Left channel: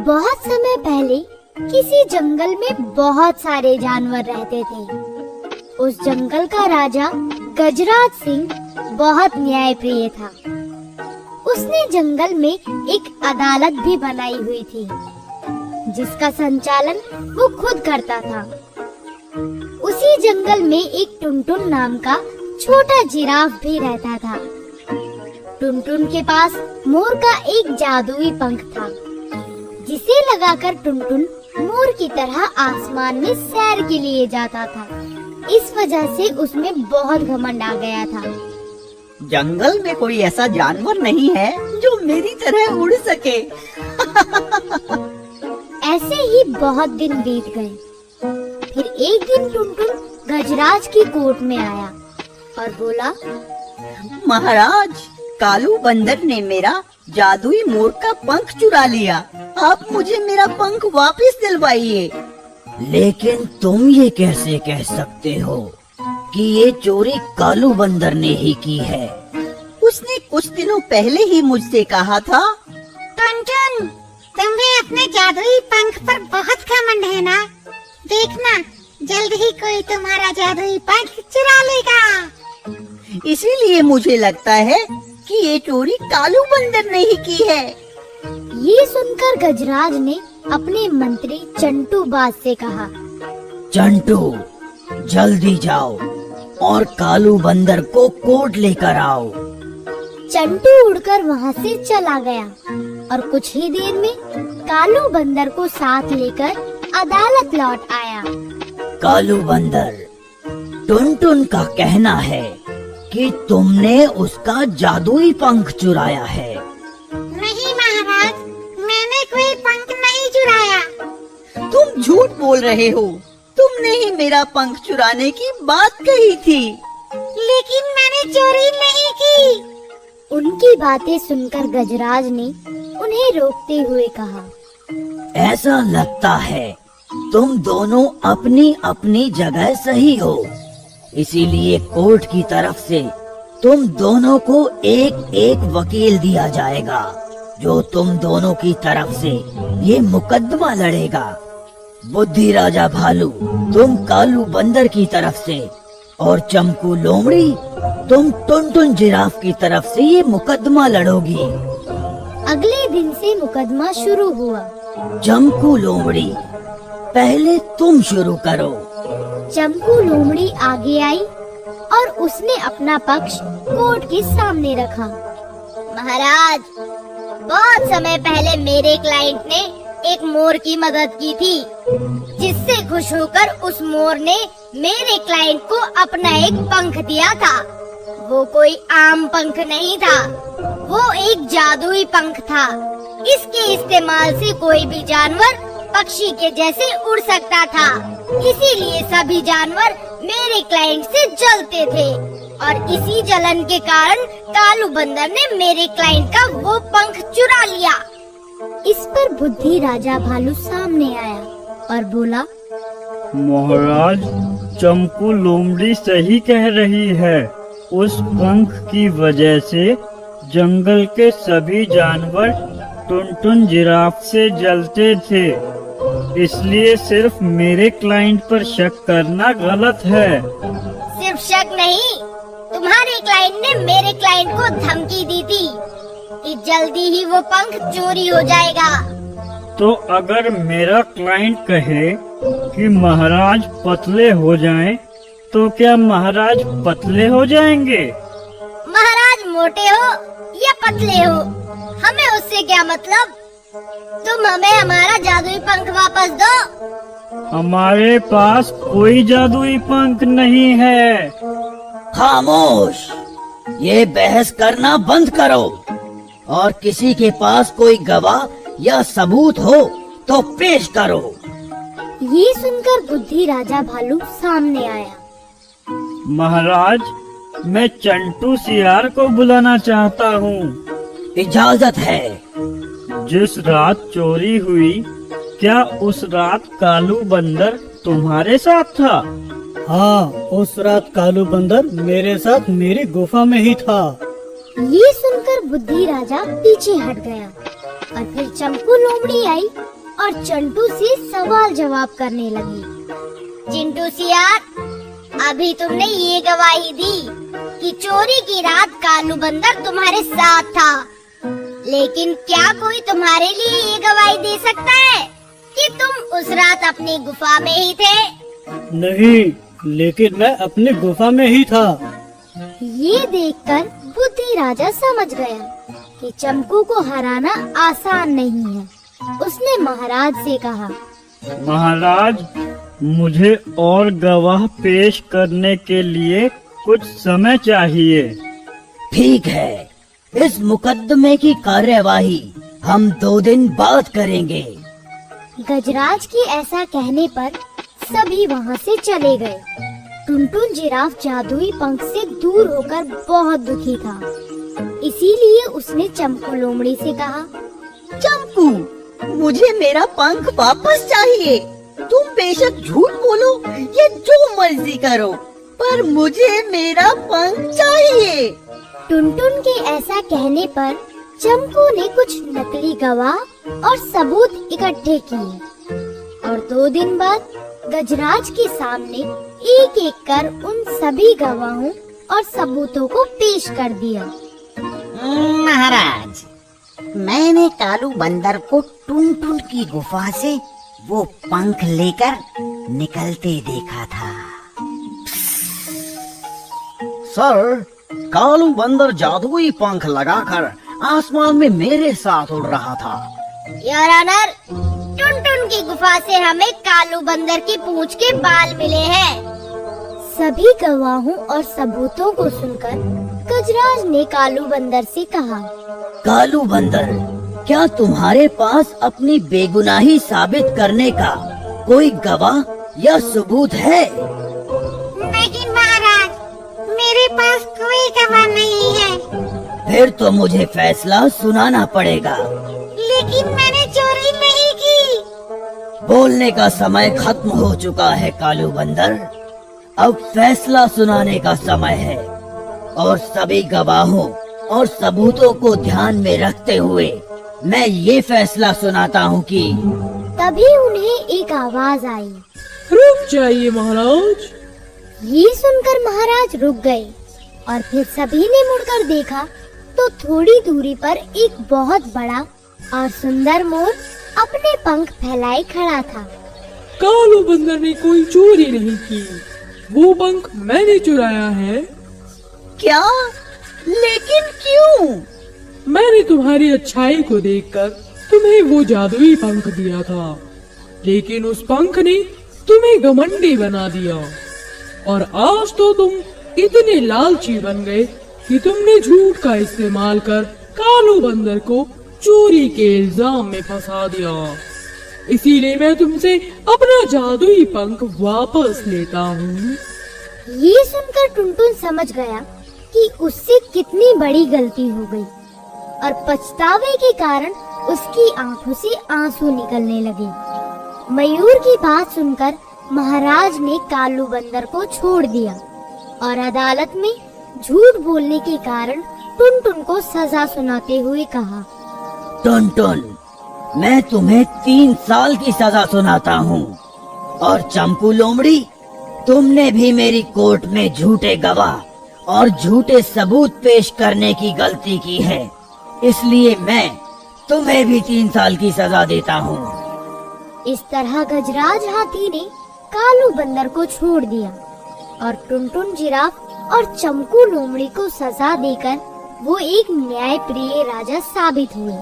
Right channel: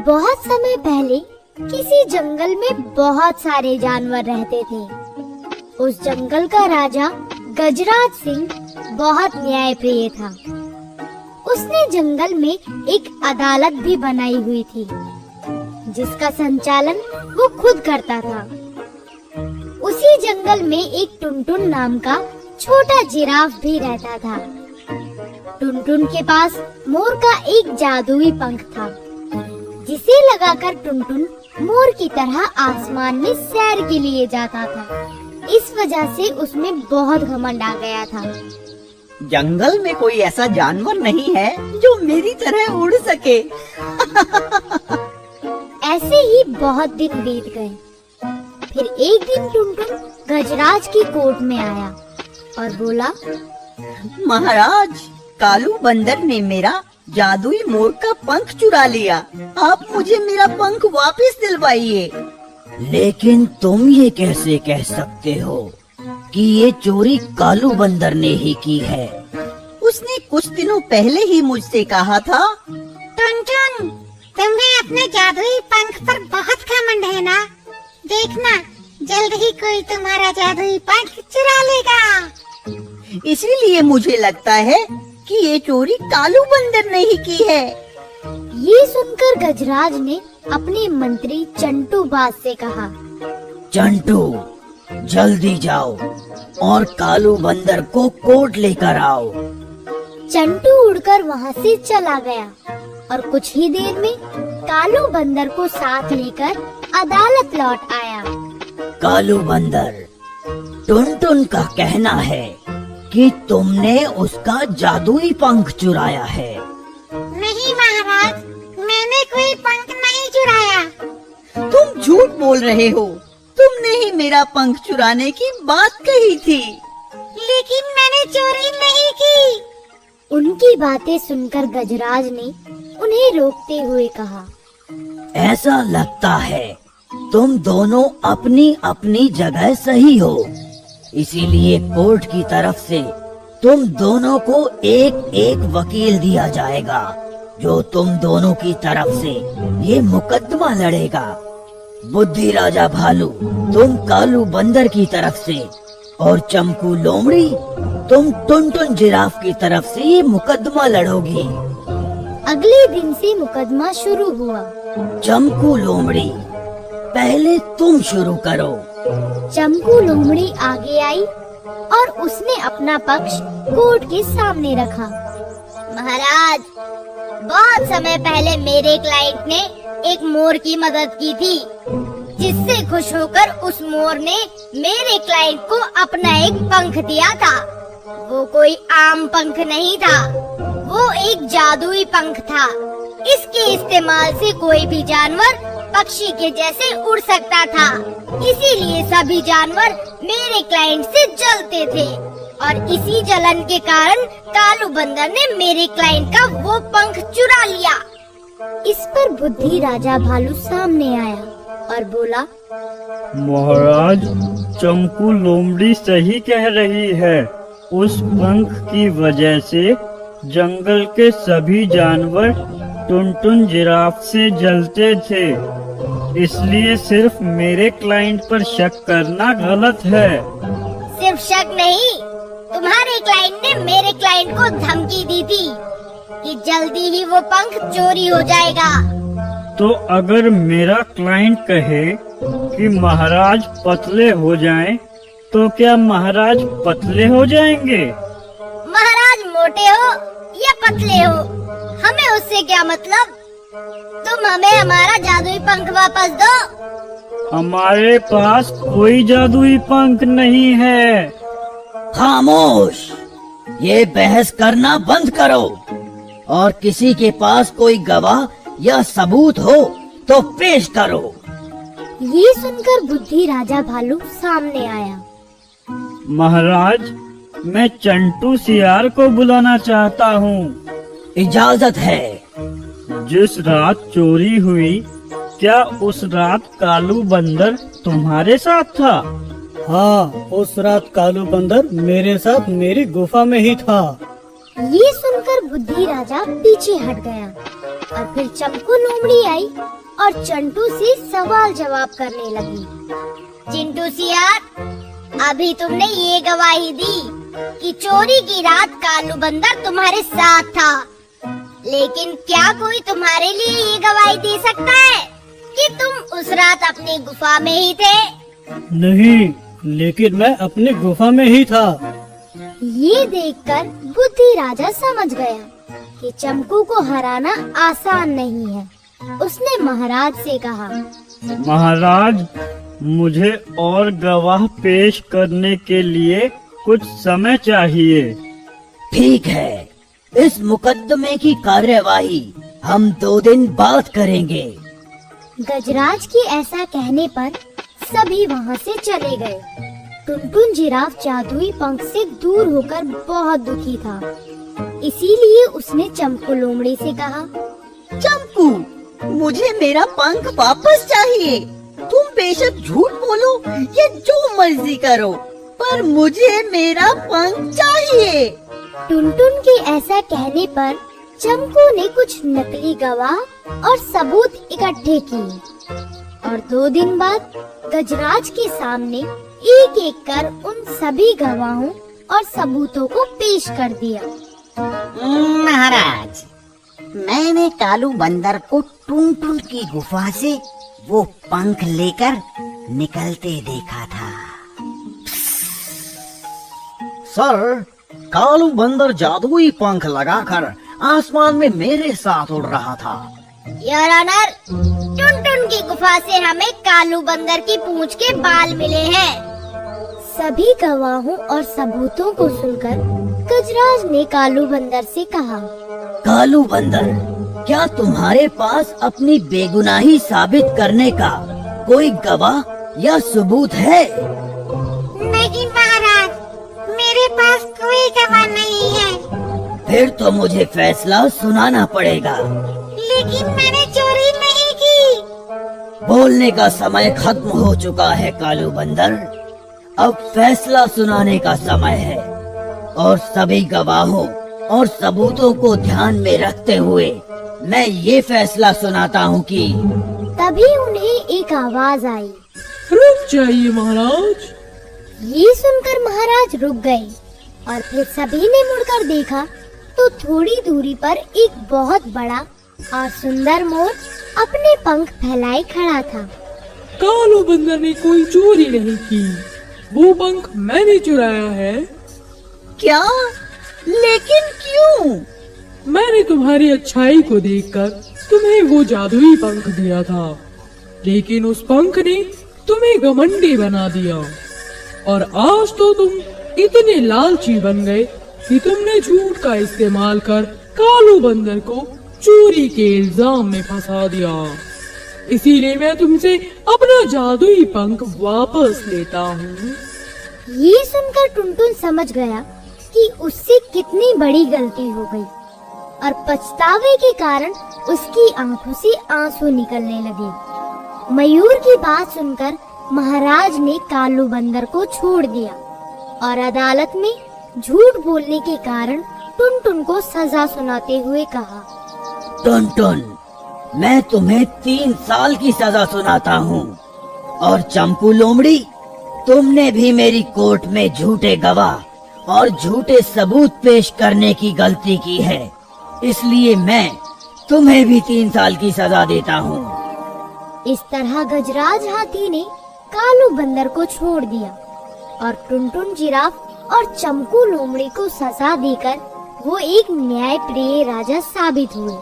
बहुत समय पहले किसी जंगल में बहुत सारे जानवर रहते थे। उस जंगल का राजा गजराज सिंह बहुत न्यायप्रिय था। उसने जंगल में एक अदालत भी बनाई हुई थी, जिसका संचालन वो खुद करता था। उसी जंगल में एक टुनटुन नाम का छोटा जिराफ भी रहता था। टुनटुन के पास मोर का एक जादुई पंख था, जिसे लगाकर टुनटुन मोर की तरह आसमान में सैर के लिए जाता था। इस वजह से उसमें बहुत घमंड आ गया था। जंगल में कोई ऐसा जानवर नहीं है जो मेरी तरह उड़ सके। ऐसे ही बहुत दिन बीत गए। फिर एक दिन टुनटुन गजराज की कोर्ट में आया और बोला, महाराज, कालू बंदर ने मेरा जादुई मोर का पंख चुरा लिया। आप मुझे मेरा पंख वापस दिलवाइए। लेकिन तुम ये कैसे कह सकते हो कि ये चोरी कालू बंदर ने ही की है? उसने कुछ दिनों पहले ही मुझसे कहा था। टुनटुन, तुम्हें अपने जादुई पंख पर बहुत घमंड है ना? देखना, जल्द ही कोई तुम्हारा जादुई पंख चुरा लेगा। इसीलिए मुझे लगता है कि ये चोरी कालू बंदर ने ही की है। ये सुनकर गजराज ने अपने मंत्री चंटू बाज से कहा, चंटू, जल्दी जाओ और कालू बंदर को कोर्ट लेकर आओ। चंटू उड़कर वहाँ से चला गया और कुछ ही देर में कालू बंदर को साथ लेकर अदालत लौट आया। कालू बंदर, टुनटुन का कहना है कि तुमने उसका जादुई पंख चुराया है। नहीं महाराज, मैंने कोई पंख नहीं चुराया। तुम झूठ बोल रहे हो। तुमने ही मेरा पंख चुराने की बात कही थी। लेकिन मैंने चोरी नहीं की। उनकी बातें सुनकर गजराज ने उन्हें रोकते हुए कहा, ऐसा लगता है तुम दोनों अपनी अपनी जगह सही हो, इसीलिए कोर्ट की तरफ से तुम दोनों को एक एक वकील दिया जाएगा, जो तुम दोनों की तरफ से ये मुकदमा लड़ेगा। बुद्धि राजा भालू, तुम कालू बंदर की तरफ से, और चमकू लोमड़ी, तुम टुनटुन जिराफ की तरफ से ये मुकदमा लड़ोगी। अगले दिन से मुकदमा शुरू हुआ। चमकू लोमड़ी, पहले तुम शुरू करो। चमकू लोमड़ी आगे आई और उसने अपना पक्ष कोर्ट के सामने रखा। महाराज, बहुत समय पहले मेरे क्लाइंट ने एक मोर की मदद की थी, जिससे खुश होकर उस मोर ने मेरे क्लाइंट को अपना एक पंख दिया था। वो कोई आम पंख नहीं था, वो एक जादुई पंख था। इसके इस्तेमाल से कोई भी जानवर पक्षी के जैसे उड़ सकता था। इसीलिए सभी जानवर मेरे क्लाइंट से जलते थे और इसी जलन के कारण कालू बंदर ने मेरे क्लाइंट का वो पंख चुरा लिया। इस पर बुद्धि राजा भालू सामने आया और बोला, महाराज, चमकू लोमड़ी सही कह रही है। उस पंख की वजह से जंगल के सभी जानवर टुनटुन जिराफ से जलते थे। इसलिए सिर्फ मेरे क्लाइंट पर शक करना गलत है। सिर्फ शक नहीं, तुम्हारे क्लाइंट ने मेरे क्लाइंट को धमकी दी थी कि जल्दी ही वो पंख चोरी हो जाएगा। तो अगर मेरा क्लाइंट कहे कि महाराज पतले हो जाएं, तो क्या महाराज पतले हो जाएंगे? महाराज मोटे हो या पतले हो, हमें उससे क्या मतलब। तुम हमें हमारा जादुई पंख वापस दो। हमारे पास कोई जादुई पंख नहीं है। खामोश, ये बहस करना बंद करो और किसी के पास कोई गवाह या सबूत हो तो पेश करो। ये सुनकर बुद्धि राजा भालू सामने आया। महाराज, मैं चंटू सियार को बुलाना चाहता हूँ। इजाजत है। जिस रात चोरी हुई, क्या उस रात कालू बंदर तुम्हारे साथ था? हाँ, उस रात कालू बंदर मेरे साथ मेरी गुफा में ही था। ये सुनकर बुद्धि राजा पीछे हट गया और फिर चंपू लोमड़ी आई और चंटू से सवाल जवाब करने लगी। चिंटू सियार, अभी तुमने ये गवाही दी कि चोरी की रात कालू बंदर तुम्हारे साथ था, लेकिन क्या कोई तुम्हारे लिए ये गवाही दे सकता है कि तुम उस रात अपनी गुफा में ही थे? नहीं, लेकिन मैं अपनी गुफा में ही था। ये देखकर बुद्धि राजा समझ गया कि चंपू को हराना आसान नहीं है। उसने महाराज से कहा, महाराज, मुझे और गवाह पेश करने के लिए कुछ समय चाहिए। ठीक है, इस मुकदमे की कार्यवाही हम 2 दिन बाद करेंगे। गजराज के ऐसा कहने पर सभी वहाँ से चले गए। टुनटुन जिराफ जादुई पंख से दूर होकर बहुत दुखी था, इसीलिए उसने चंपू लोमड़ी से कहा, चंपू, मुझे मेरा पंख वापस चाहिए। तुम बेशक झूठ बोलो या जो मर्जी करो, पर मुझे मेरा पंख चाहिए। टुनटुन के ऐसा कहने पर चंपू ने कुछ नकली गवाह और सबूत इकट्ठे किए और 2 दिन बाद गजराज के सामने एक एक कर उन सभी गवाहों और सबूतों को पेश कर दिया। महाराज, मैंने कालू बंदर को टुनटुन की गुफा से वो पंख लेकर निकलते देखा था। सर, कालू बंदर जादुई पंख लगाकर आसमान में मेरे साथ उड़ रहा था। योर ऑनर, टुनटुन की गुफा से हमें कालू बंदर की पूंछ के बाल मिले हैं। सभी गवाहों और सबूतों को सुनकर गजराज ने कालू बंदर से कहा, कालू बंदर, क्या तुम्हारे पास अपनी बेगुनाही साबित करने का कोई गवाह या सबूत है? नहीं महाराज, मेरे पास कोई गवाह नहीं है। फिर तो मुझे फैसला सुनाना पड़ेगा। लेकिन मैंने चोरी नहीं की। बोलने का समय खत्म हो चुका है कालू बंदर, अब फैसला सुनाने का समय है और सभी गवाहों और सबूतों को ध्यान में रखते हुए मैं ये फैसला सुनाता हूँ कि तभी उन्हें एक आवाज आई। रुक जाइए महाराज। ये सुनकर महाराज रुक गए और फिर सभी ने मुड़कर देखा तो थोड़ी दूरी पर एक बहुत बड़ा और सुंदर मोर अपने पंख फैलाए खड़ा था। कालू बंदर ने कोई चोरी नहीं की, वो पंख मैंने चुराया है। क्या? लेकिन क्यों? मैंने तुम्हारी अच्छाई को देखकर तुम्हें वो जादुई पंख दिया था, लेकिन उस पंख ने तुम्हें घमंडी बना दिया और आज तो तुम इतने लालची बन गए कि तुमने झूठ का इस्तेमाल कर कालू बंदर को चोरी के इल्जाम में फंसा दिया। इसीलिए मैं तुमसे अपना जादुई पंख वापस लेता हूँ। ये सुनकर टुनटुन समझ गया कि उससे कितनी बड़ी गलती हो गई और पछतावे के कारण उसकी आंखों से आंसू निकलने लगे। मयूर की बात सुनकर महाराज ने कालू बंदर को छोड़ दिया और अदालत में झूठ बोलने के कारण टुनटुन को सजा सुनाते हुए कहा, टुनटुन, मैं तुम्हें 3 साल की सजा सुनाता हूँ और चंपू लोमड़ी, तुमने भी मेरी कोर्ट में झूठे गवाह और झूठे सबूत पेश करने की गलती की है, इसलिए मैं तुम्हें भी 3 साल की सजा देता हूँ। इस तरह गजराज हाथी ने कालू बंदर को छोड़ दिया और टुनटुन जिराफ और चंपू लोमड़ी को सजा देकर वो एक न्यायप्रिय राजा साबित हुए।